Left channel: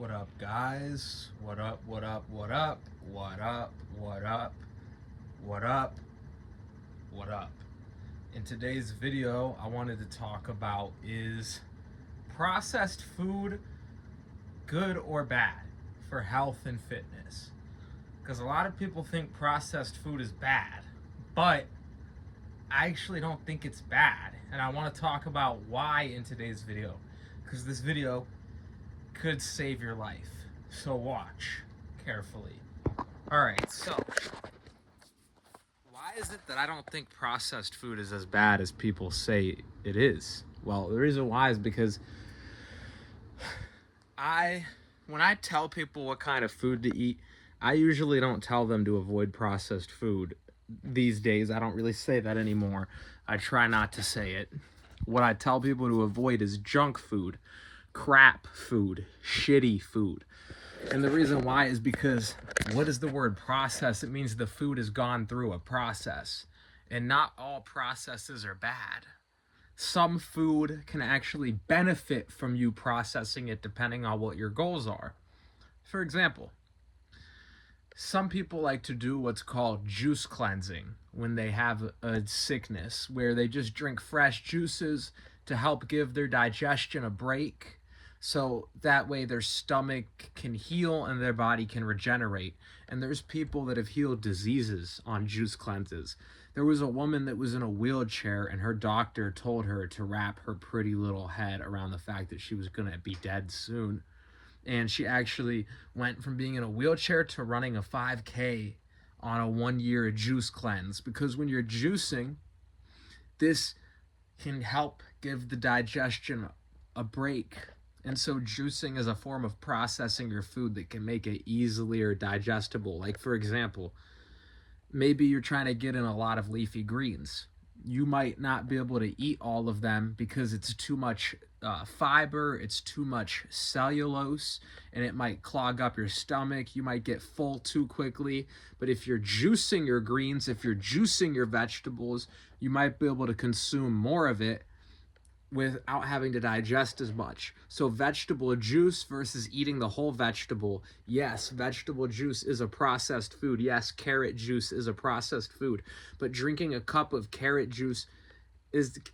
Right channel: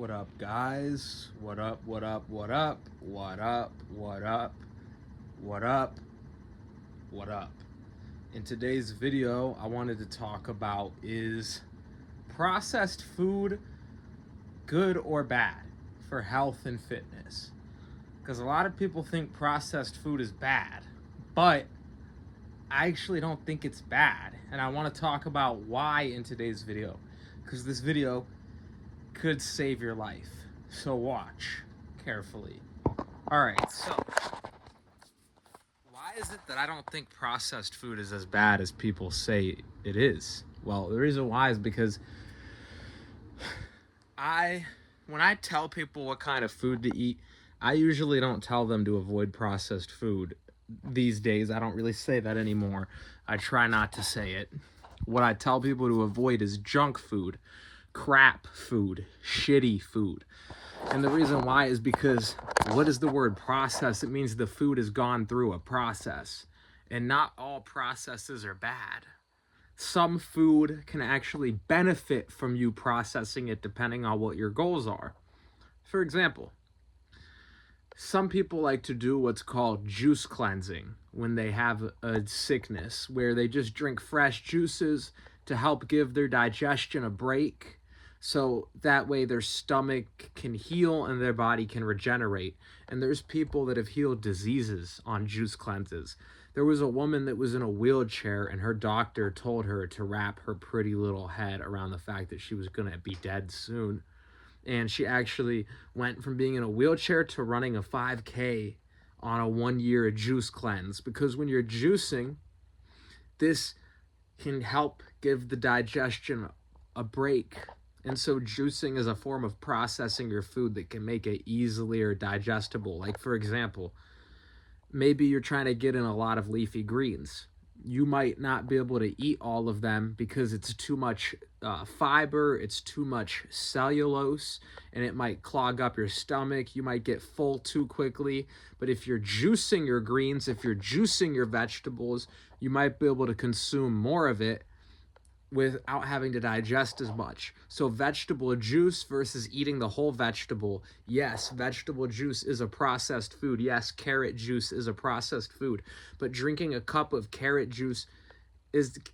What up, guys? What up, what up, what up? What up, what up, what up, what up? In today's video, I wanted to talk about, is processed food good or bad for health and fitness? Because a lot of people think processed food is bad, but I actually don't think it's bad. And I want to talk about why in today's video, because this video could save your life. So watch carefully. Alright, so why is it that I don't think processed food is as bad as people say it is? Well, the reason why is because when I tell people what kind of food to eat, I usually don't tell them to avoid processed food. These days, I don't really say that anymore. I try not to say it. What I tell people to avoid is junk food, crap food, shitty food. And the reason why is because, what is the word process? It means the food has gone through a process. And not all processes are bad. Some food can actually benefit from you processing it depending on what your goals are. For example, some people like to do what's called juice cleansing when they have a sickness, where they just drink fresh juices to help give their digestion a break, so that way their stomach can heal and their body can regenerate. And there's people that have healed diseases on juice cleanses. There was a woman that was in a wheelchair, and her doctor told her to wrap her pretty little head around the fact that she was going to be dead soon. And she actually went from being in a wheelchair to running a 5K on a 1-year juice cleanse. Because when you're juicing, this can help give the digestion a break. And so juicing is a form of processing your food that can make it easier digestible. Like, for example, maybe you're trying to get in a lot of leafy greens. You might not be able to eat all of them because it's too much fiber, it's too much cellulose, and it might clog up your stomach. You might get full too quickly. But if you're juicing your greens, if you're juicing your vegetables, you might be able to consume more of it without having to digest as much. So vegetable juice versus eating the whole vegetable. Yes, vegetable juice is a processed food. Yes, carrot juice is a processed food. But drinking a cup of carrot juice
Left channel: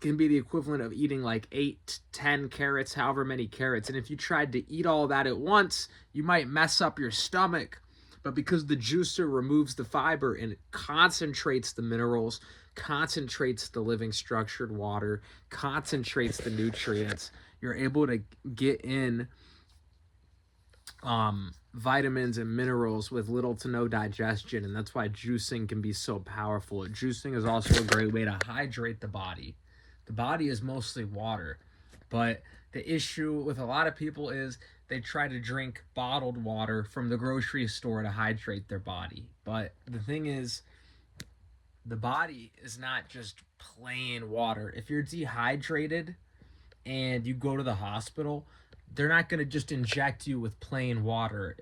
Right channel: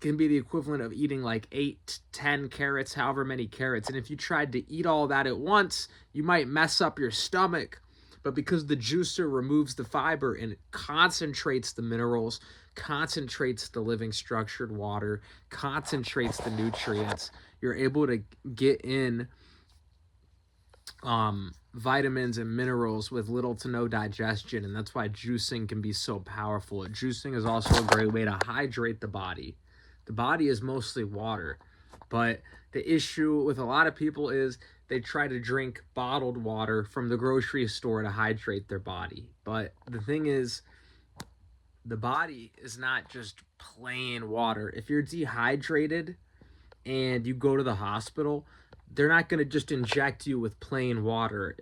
can be the equivalent of eating like 8, 10 carrots, however many carrots. And if you tried to eat all that at once, you might mess up your stomach. But because the juicer removes the fiber and it concentrates the minerals, concentrates the living structured water, concentrates the nutrients, you're able to get in vitamins and minerals with little to no digestion. And that's why juicing can be so powerful. Juicing is also a great way to hydrate the body. The body is mostly water, but the issue with a lot of people is they try to drink bottled water from the grocery store to hydrate their body. But the thing is, the body is not just plain water. If you're dehydrated and you go to the hospital, they're not going to just inject you with plain water.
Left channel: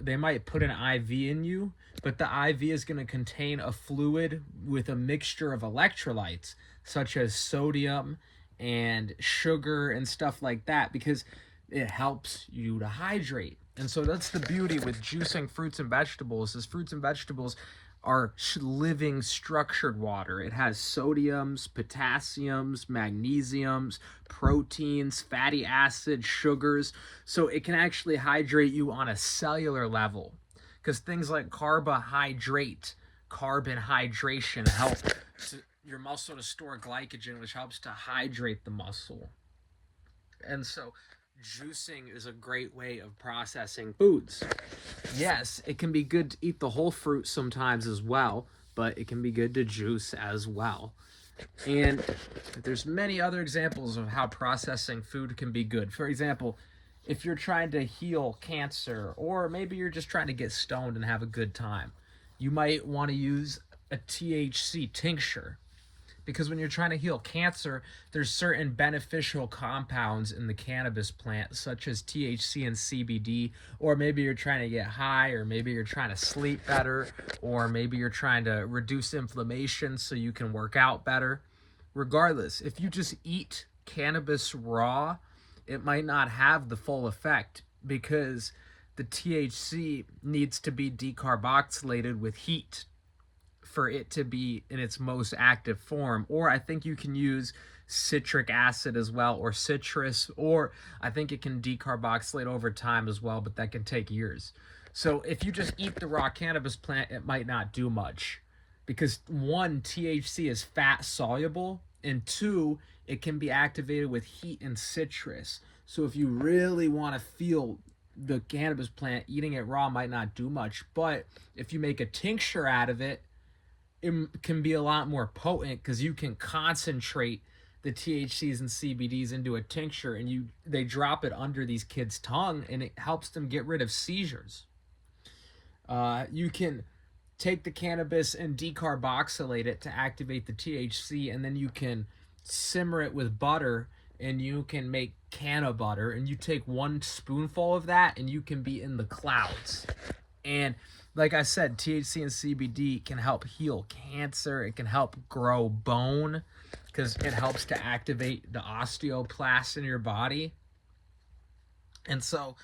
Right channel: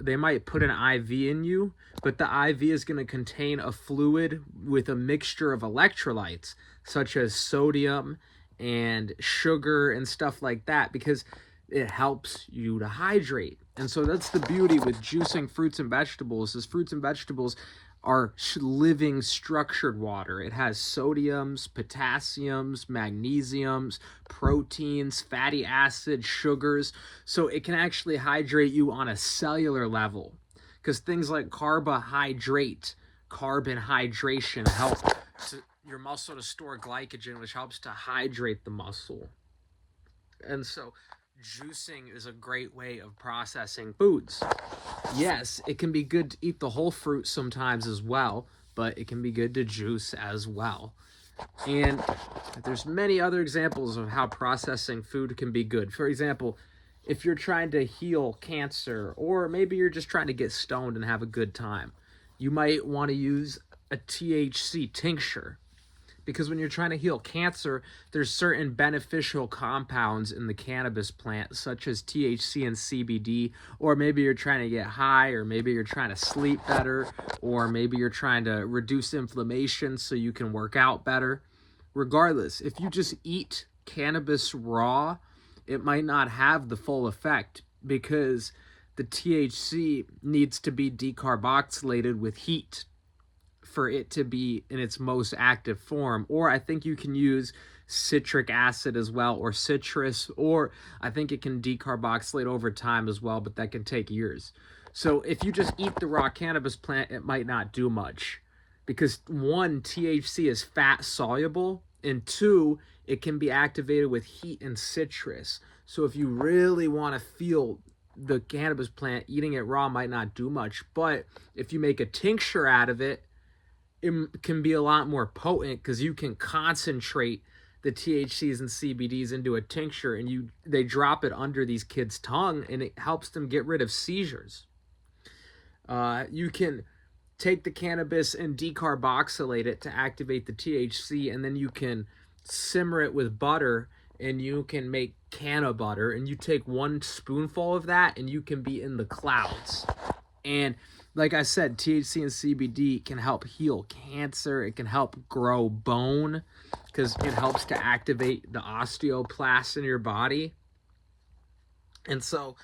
They might put an IV in you, but the IV is going to contain a fluid with a mixture of electrolytes, such as sodium and sugar and stuff like that, because it helps you to hydrate. And so that's the beauty with juicing fruits and vegetables, is fruits and vegetables are living structured water. It has sodiums, potassiums, magnesiums, proteins, fatty acids, sugars. So it can actually hydrate you on a cellular level, because things like carbon hydration help your muscle to store glycogen, which helps to hydrate the muscle. And so juicing is a great way of processing foods. Yes, it can be good to eat the whole fruit sometimes as well, but it can be good to juice as well. And there's many other examples of how processing food can be good. For example, if you're trying to heal cancer, or maybe you're just trying to get stoned and have a good time, you might want to use a THC tincture. Because when you're trying to heal cancer, there's certain beneficial compounds in the cannabis plant, such as THC and CBD. Or maybe you're trying to get high, or maybe you're trying to sleep better, or maybe you're trying to reduce inflammation so you can work out better. Regardless, if you just eat cannabis raw, it might not have the full effect, because the THC needs to be decarboxylated with heat for it to be in its most active form. Or I think you can use citric acid as well, or citrus, or I think it can decarboxylate over time as well, but that can take years. So if you just eat the raw cannabis plant, it might not do much, because one, THC is fat soluble, and two, it can be activated with heat and citrus. So if you really want to feel the cannabis plant, eating it raw might not do much. But if you make a tincture out of it, it can be a lot more potent, because you can concentrate the THCs and CBDs into a tincture, and they drop it under these kids' tongue, and it helps them get rid of seizures. You can take the cannabis and decarboxylate it to activate the THC, and then you can simmer it with butter, and you can make canna butter, and you take 1 spoonful of that, and you can be in the clouds. And like I said, THC and CBD can help heal cancer. It can help grow bone, because it helps to activate the osteoblast in your body. And so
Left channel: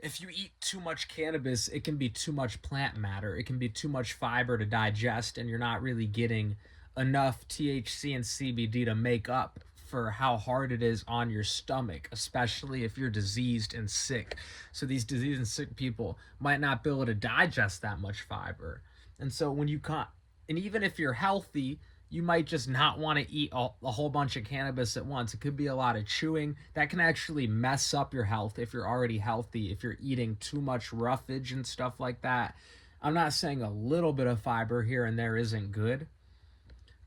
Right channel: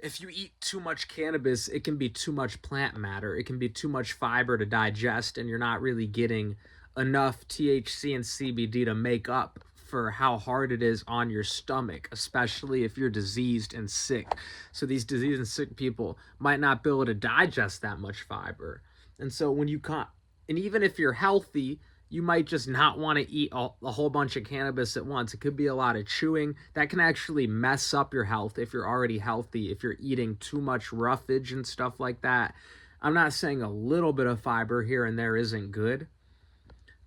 if you eat too much cannabis, it can be too much plant matter. It can be too much fiber to digest, and you're not really getting enough THC and CBD to make up for how hard it is on your stomach, especially if you're diseased and sick. So these diseased and sick people might not be able to digest that much fiber. And so when you can't, and even if you're healthy, you might just not want to eat a whole bunch of cannabis at once. It could be a lot of chewing. That can actually mess up your health if you're already healthy, if you're eating too much roughage and stuff like that. I'm not saying a little bit of fiber here and there isn't good,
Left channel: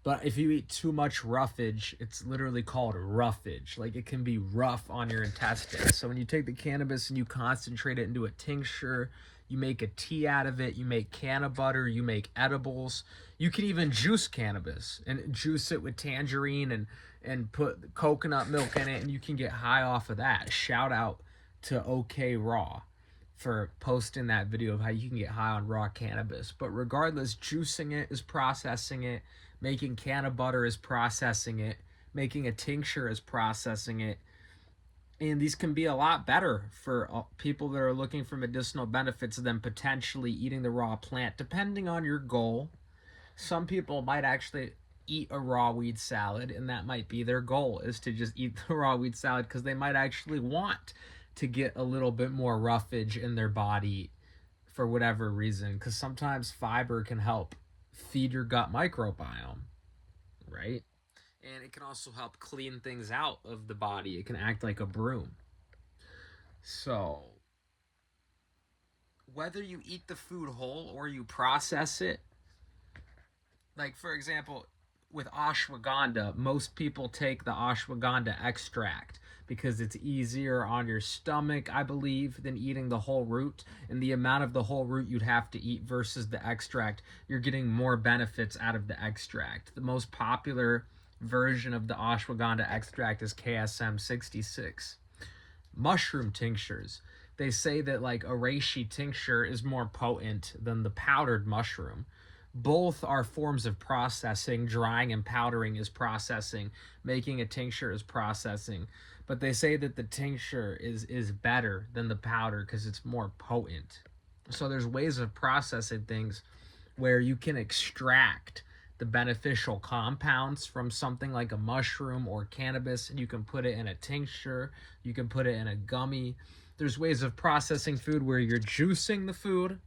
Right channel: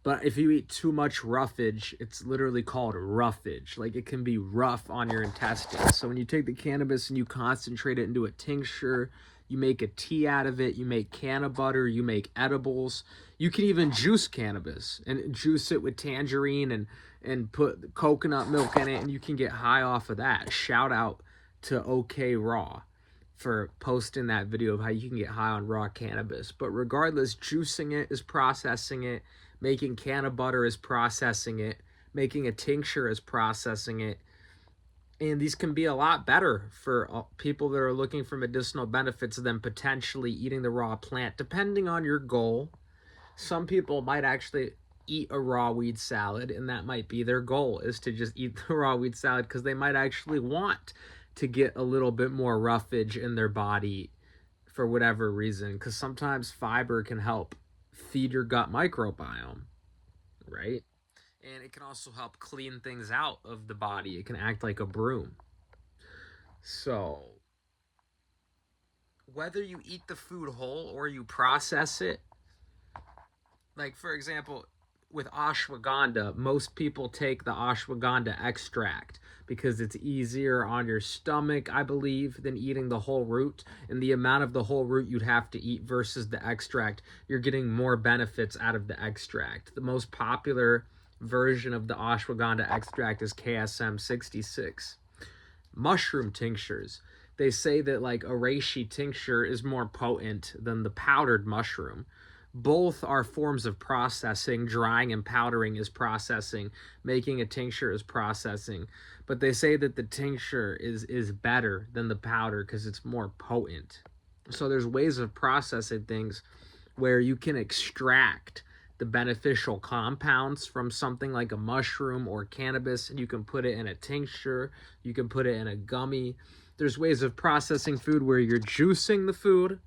but if you eat too much roughage, it's literally called roughage. Like, it can be rough on your intestines. So when you take the cannabis and you concentrate it into a tincture, you make a tea out of it, you make canna butter, you make edibles. You can even juice cannabis and juice it with tangerine and put coconut milk in it, and you can get high off of that. Shout out to OK Raw for posting that video of how you can get high on raw cannabis. But regardless, juicing it is processing it, making canna butter is processing it, making a tincture is processing it. And these can be a lot better for people that are looking for medicinal benefits than potentially eating the raw plant, depending on your goal. Some people might actually eat a raw weed salad, and that might be their goal, is to just eat the raw weed salad, because they might actually want to get a little bit more roughage in their body for whatever reason, because sometimes fiber can help feed your gut microbiome, right? And it can also help clean things out of the body. It can act like a broom. So whether you eat the food whole or you process it, like for example, with ashwagandha, most people take the ashwagandha extract because it's easier on your stomach, I believe, than eating the whole root. And the amount of the whole root you'd have to eat versus the extract, you're getting more benefits out of the extract. The most popular version of the ashwagandha extract is KSM 66. Mushroom tinctures, they say that like a reishi tincture is more potent than the powdered mushroom. Both are forms of processing. Drying and powdering is processing. Making a tincture is processing. But they say that the tincture is better than the powder because it's more potent. So there's ways of processing things where you can extract the beneficial compounds from something like a mushroom or cannabis, and you can put it in a tincture, you can put it in a gummy. There's ways of processing food where you're juicing the food,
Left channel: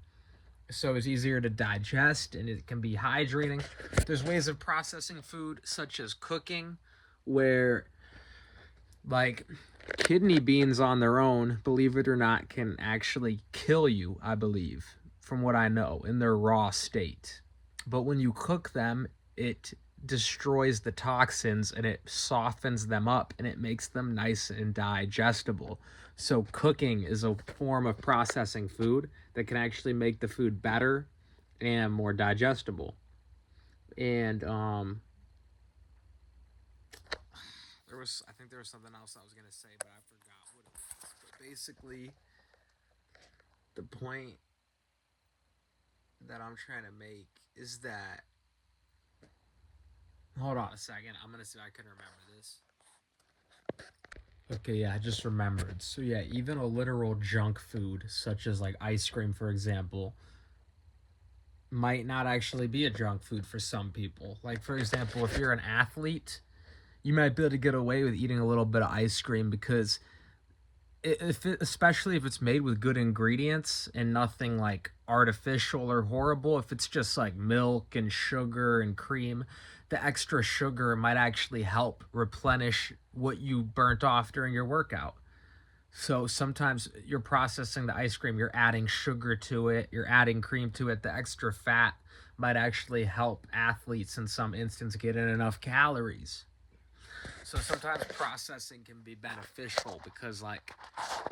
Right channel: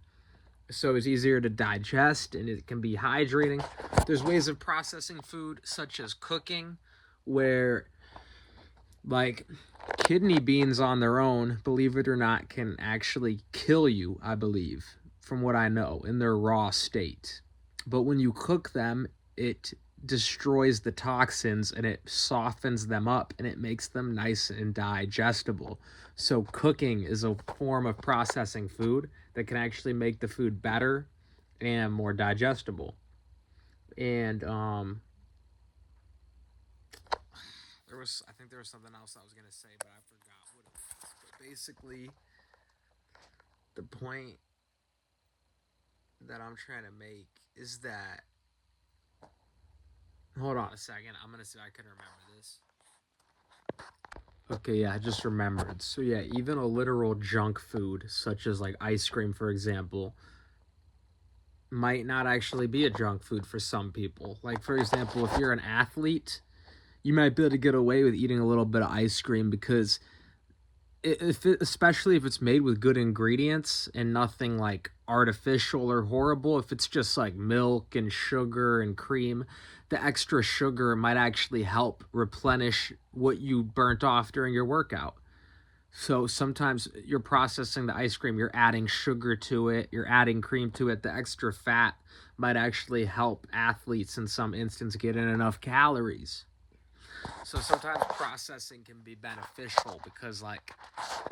so it's easier to digest and it can be hydrating. There's ways of processing food such as cooking, where like kidney beans on their own, believe it or not, can actually kill you, I believe, from what I know, in their raw state. But when you cook them, it destroys the toxins and it softens them up and it makes them nice and digestible. So cooking is a form of processing food that can actually make the food better and more digestible. And I think there was something else I was gonna say, but I forgot what it was. But basically, the point that I'm trying to make is that, hold on a second, I'm gonna see if I can remember this. Okay, yeah, I just remembered. So yeah, even a literal junk food, such as like ice cream, for example, might not actually be a junk food for some people. Like, for example, if you're an athlete, you might be able to get away with eating a little bit of ice cream because especially if it's made with good ingredients and nothing like artificial or horrible, if it's just like milk and sugar and cream, the extra sugar might actually help replenish what you burnt off during your workout. So sometimes you're processing the ice cream, you're adding sugar to it, you're adding cream to it. The extra fat might actually help athletes in some instance get in enough calories. So sometimes processing can be beneficial because, like,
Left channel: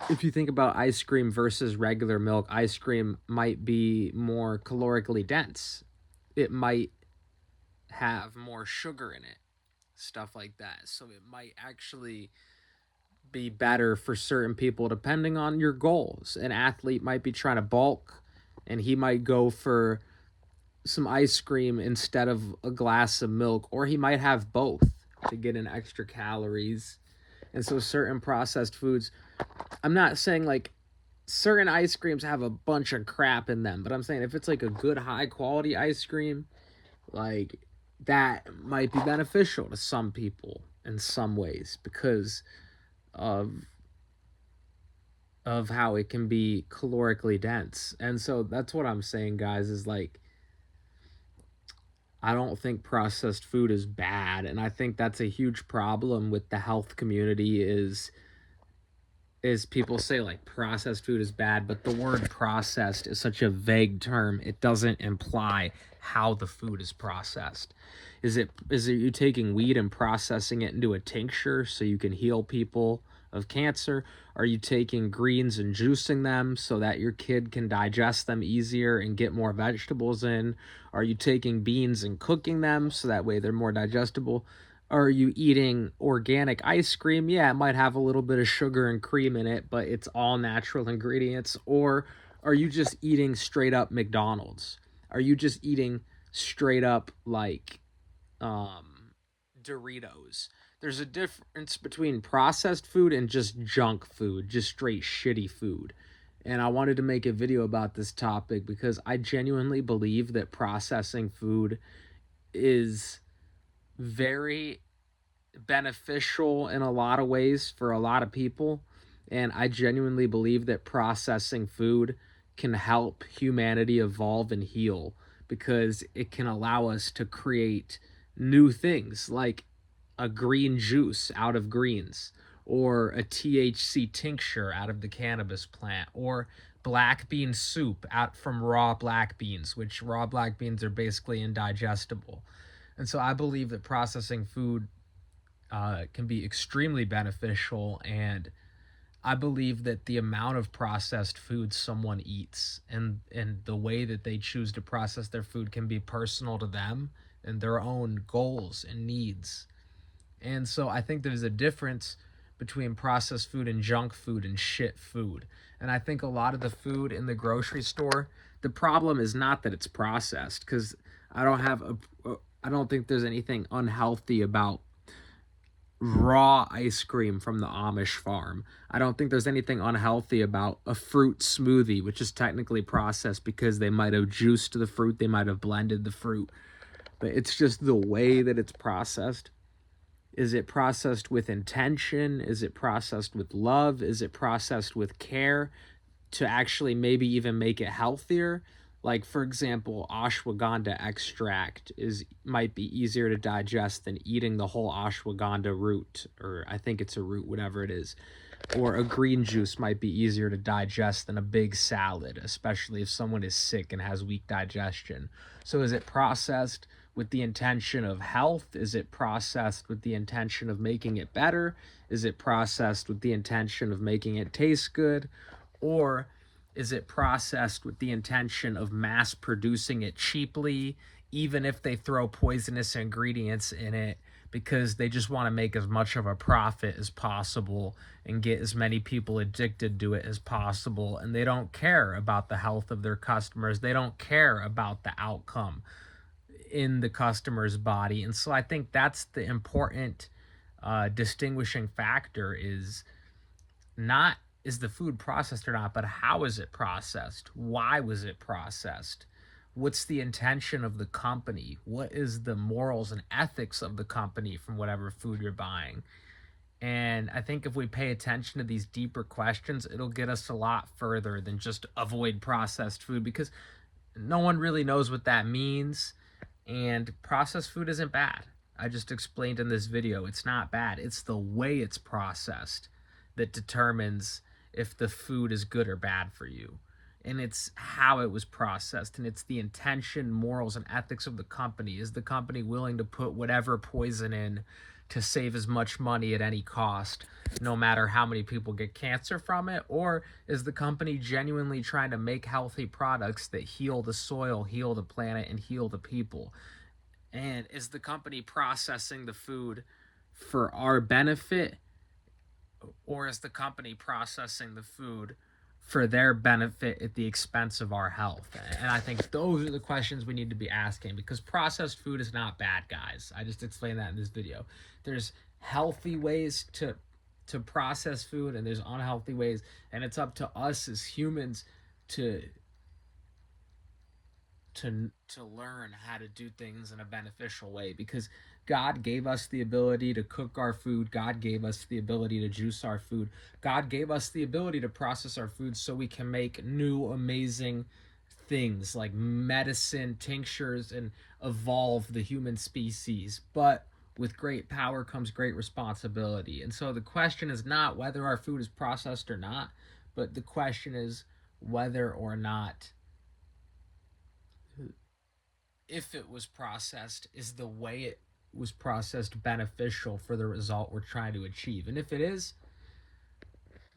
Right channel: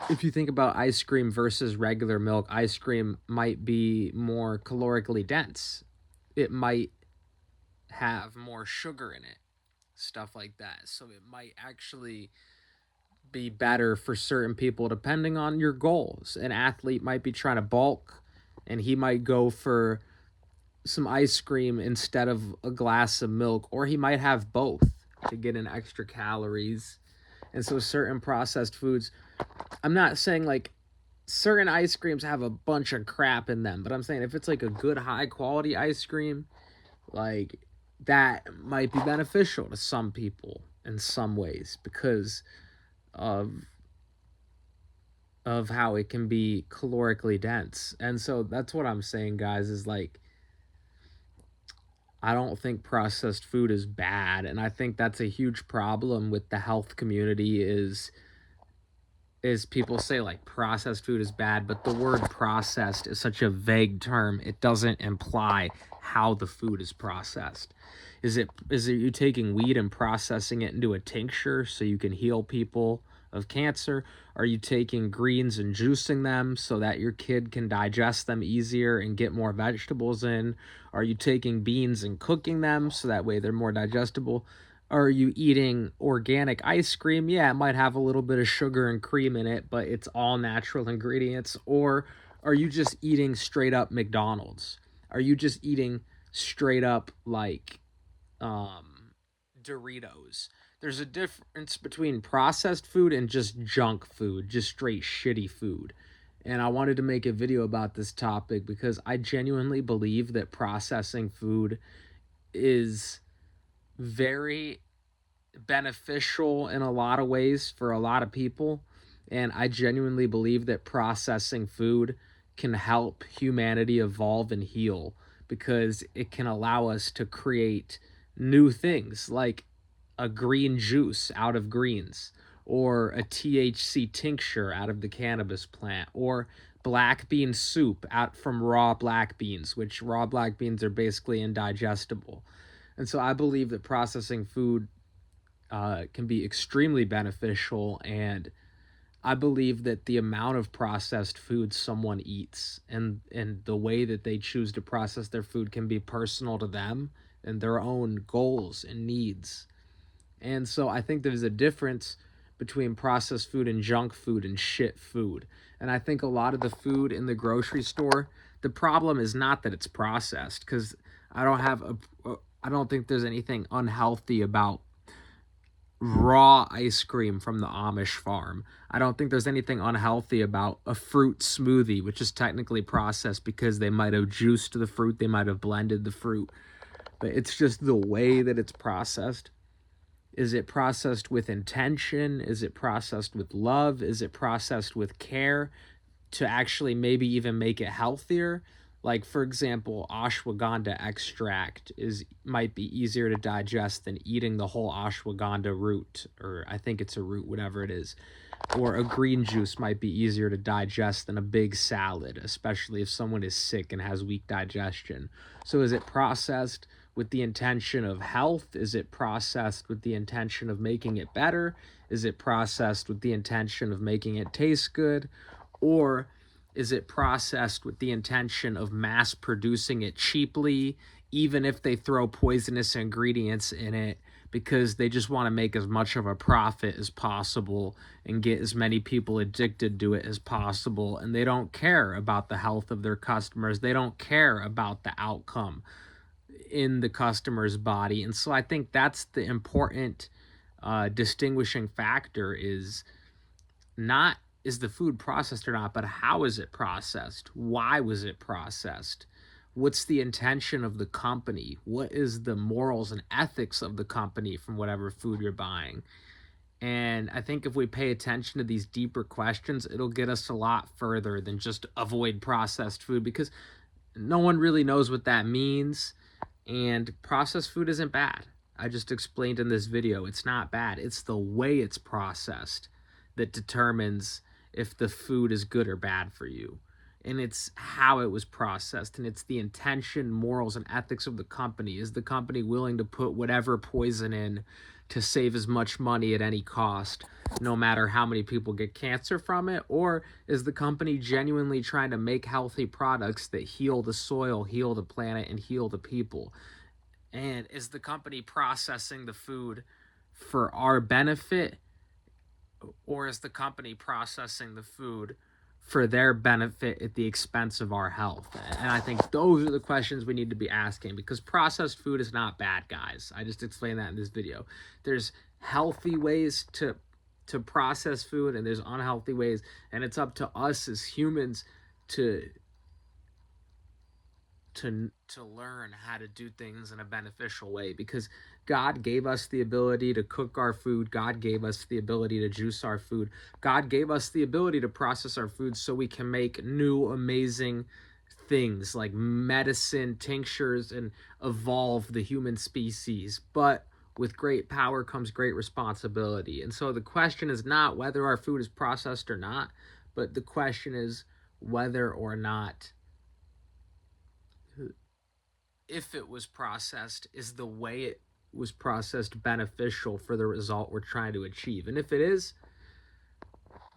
if you think about ice cream versus regular milk, ice cream might be more calorically dense. It might have more sugar in it, stuff like that. So it might actually be better for certain people depending on your goals. An athlete might be trying to bulk and he might go for some ice cream instead of a glass of milk, or he might have both to get in extra calories. And so certain processed foods, I'm not saying like certain ice creams have a bunch of crap in them, but I'm saying if it's like a good high quality ice cream, like that might be beneficial to some people in some ways because of how it can be calorically dense. And so that's what I'm saying, guys, is like I don't think processed food is bad, and I think that's a huge problem with the health community is people say like processed food is bad, but the word processed is such a vague term. It doesn't imply how the food is processed. Is it you taking weed and processing it into a tincture so you can heal people of cancer? Are you taking greens and juicing them so that your kid can digest them easier and get more vegetables in? Are you taking beans and cooking them so that way they're more digestible? Are you eating organic ice cream? Yeah, it might have a little bit of sugar and cream in it, but it's all natural ingredients. Or are you just eating straight up McDonald's? Are you just eating straight up like Doritos? There's a difference between processed food and just junk food, just straight shitty food. And I wanted to make a video about this topic because I genuinely believe that processing food is very beneficial in a lot of ways for a lot of people. And I genuinely believe that processing food can help humanity evolve and heal because it can allow us to create new things like a green juice out of greens, or a THC tincture out of the cannabis plant, or black bean soup out from raw black beans, which raw black beans are basically indigestible. And so I believe that processing food can be extremely beneficial. And I believe that the amount of processed food someone eats and the way that they choose to process their food can be personal to them and their own goals and needs. And so I think there's a difference between processed food and junk food and shit food. And I think a lot of the food in the grocery store, the problem is not that it's processed, because I don't have a, I don't think there's anything unhealthy about raw ice cream from the Amish farm. I don't think there's anything unhealthy about a fruit smoothie, which is technically processed because they might have juiced the fruit, they might have blended the fruit. But it's just the way that it's processed. Is it processed with intention? Is it processed with love? Is it processed with care to actually maybe even make it healthier? Like, for example, ashwagandha extract might be easier to digest than eating the whole ashwagandha root, or I think it's a root, whatever it is. Or a green juice might be easier to digest than a big salad, especially if someone is sick and has weak digestion. So is it processed with the intention of health? Is it processed with the intention of making it better? Is it processed with the intention of making it taste good? Or is it processed with the intention of mass producing it cheaply, even if they throw poisonous ingredients in it, because they just want to make as much of a profit as possible and get as many people addicted to it as possible, and they don't care about the health of their customers. They don't care about the outcome in the customer's body. And so I think that's the important distinguishing factor is not is the food processed or not, but how is it processed? Why was it processed? What's the intention of the company? What is the morals and ethics of the company from whatever food you're buying? And I think if we pay attention to these deeper questions, it'll get us a lot further than just avoid processed food, because no one really knows what that means. And processed food isn't bad. I just explained in this video, it's not bad. It's the way it's processed that determines if the food is good or bad for you. And it's how it was processed, and it's the intention, morals, and ethics of the company. Is the company willing to put whatever poison in to save as much money at any cost, no matter how many people get cancer from it? Or is the company genuinely trying to make healthy products that heal the soil, heal the planet, and heal the people? And is the company processing the food for our benefit, or is the company processing the food for their benefit at the expense of our health? And I think those are the questions we need to be asking, because processed food is not bad, guys. I just explained that in this video. There's healthy ways to process food, and there's unhealthy ways, and it's up to us as humans to learn how to do things in a beneficial way, because God gave us the ability to cook our food. God gave us the ability to juice our food. God gave us the ability to process our food so we can make new amazing things like medicine, tinctures, and evolve the human species. But with great power comes great responsibility. And so the question is not whether our food is processed or not, but the question is whether or not, if it was processed, is the way it was processed beneficial for the result we're trying to achieve? And if it is,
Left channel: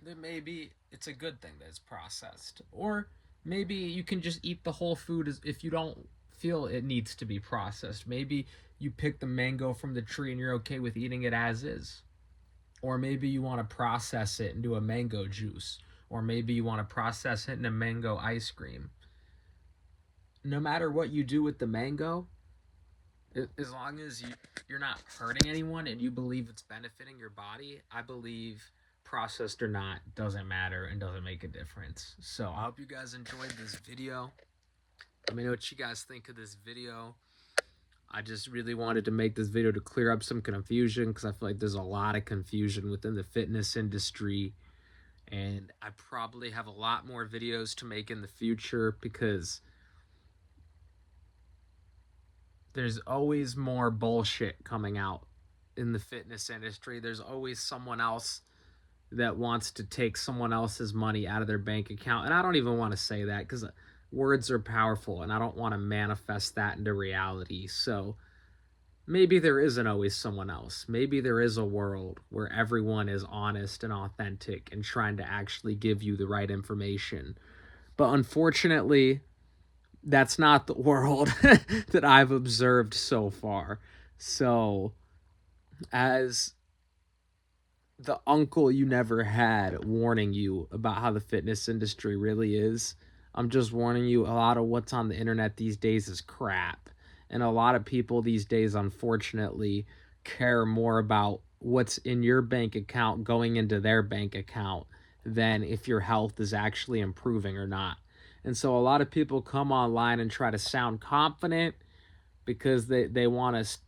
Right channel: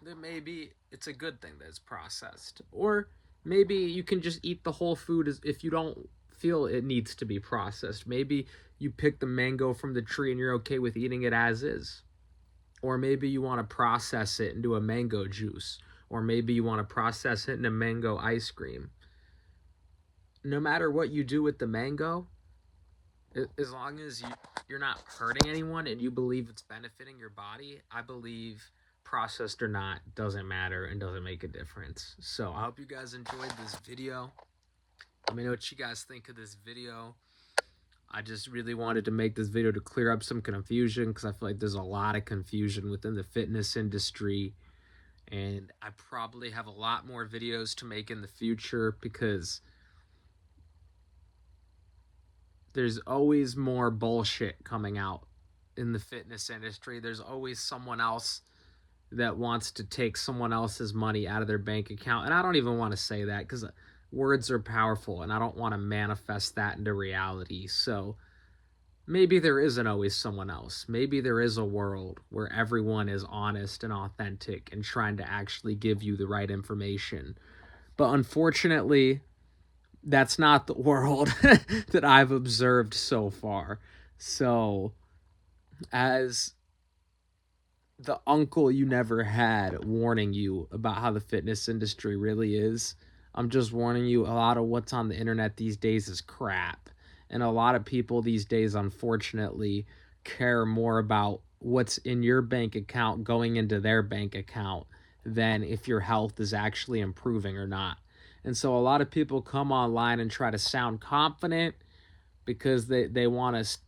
then maybe it's a good thing that it's processed. Or maybe you can just eat the whole food if you don't feel it needs to be processed. Maybe you pick the mango from the tree and you're okay with eating it as is. Or maybe you want to process it into a mango juice. Or maybe you want to process it into mango ice cream. No matter what you do with the mango, as long as you're not hurting anyone and you believe it's benefiting your body, I believe processed or not doesn't matter and doesn't make a difference. So I hope you guys enjoyed this video. Let me know what you guys think of this video. I just really wanted to make this video to clear up some confusion, because I feel like there's a lot of confusion within the fitness industry. And I probably have a lot more videos to make in the future, because there's always more bullshit coming out in the fitness industry. There's always someone else that wants to take someone else's money out of their bank account. And I don't even want to say that, because words are powerful and I don't want to manifest that into reality. So maybe there isn't always someone else. Maybe there is a world where everyone is honest and authentic and trying to actually give you the right information. But unfortunately, that's not the world that I've observed so far. So, as the uncle you never had warning you about how the fitness industry really is, I'm just warning you, a lot of what's on the internet these days is crap. And a lot of people these days, unfortunately, care more about what's in your bank account going into their bank account than if your health is actually improving or not. And so a lot of people come online and try to sound confident because they want to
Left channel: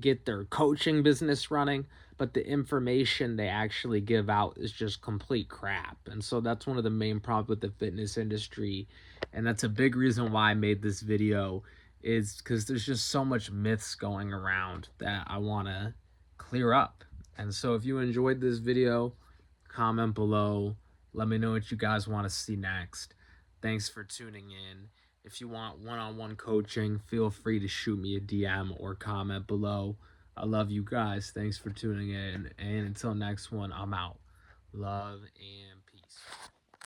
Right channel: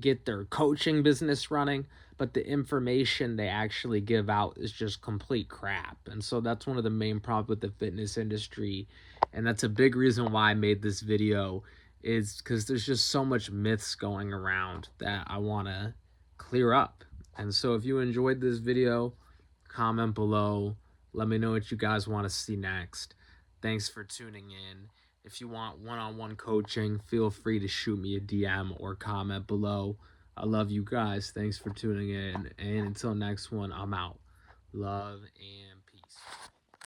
get their coaching business running, but the information they actually give out is just complete crap. And so that's one of the main problems with the fitness industry. And that's a big reason why I made this video, is because there's just so much myths going around that I want to clear up. And so if you enjoyed this video, comment below. Let me know what you guys want to see next. Thanks for tuning in. If you want one-on-one coaching, feel free to shoot me a DM or comment below. I love you guys. Thanks for tuning in. And until next one, I'm out. Love and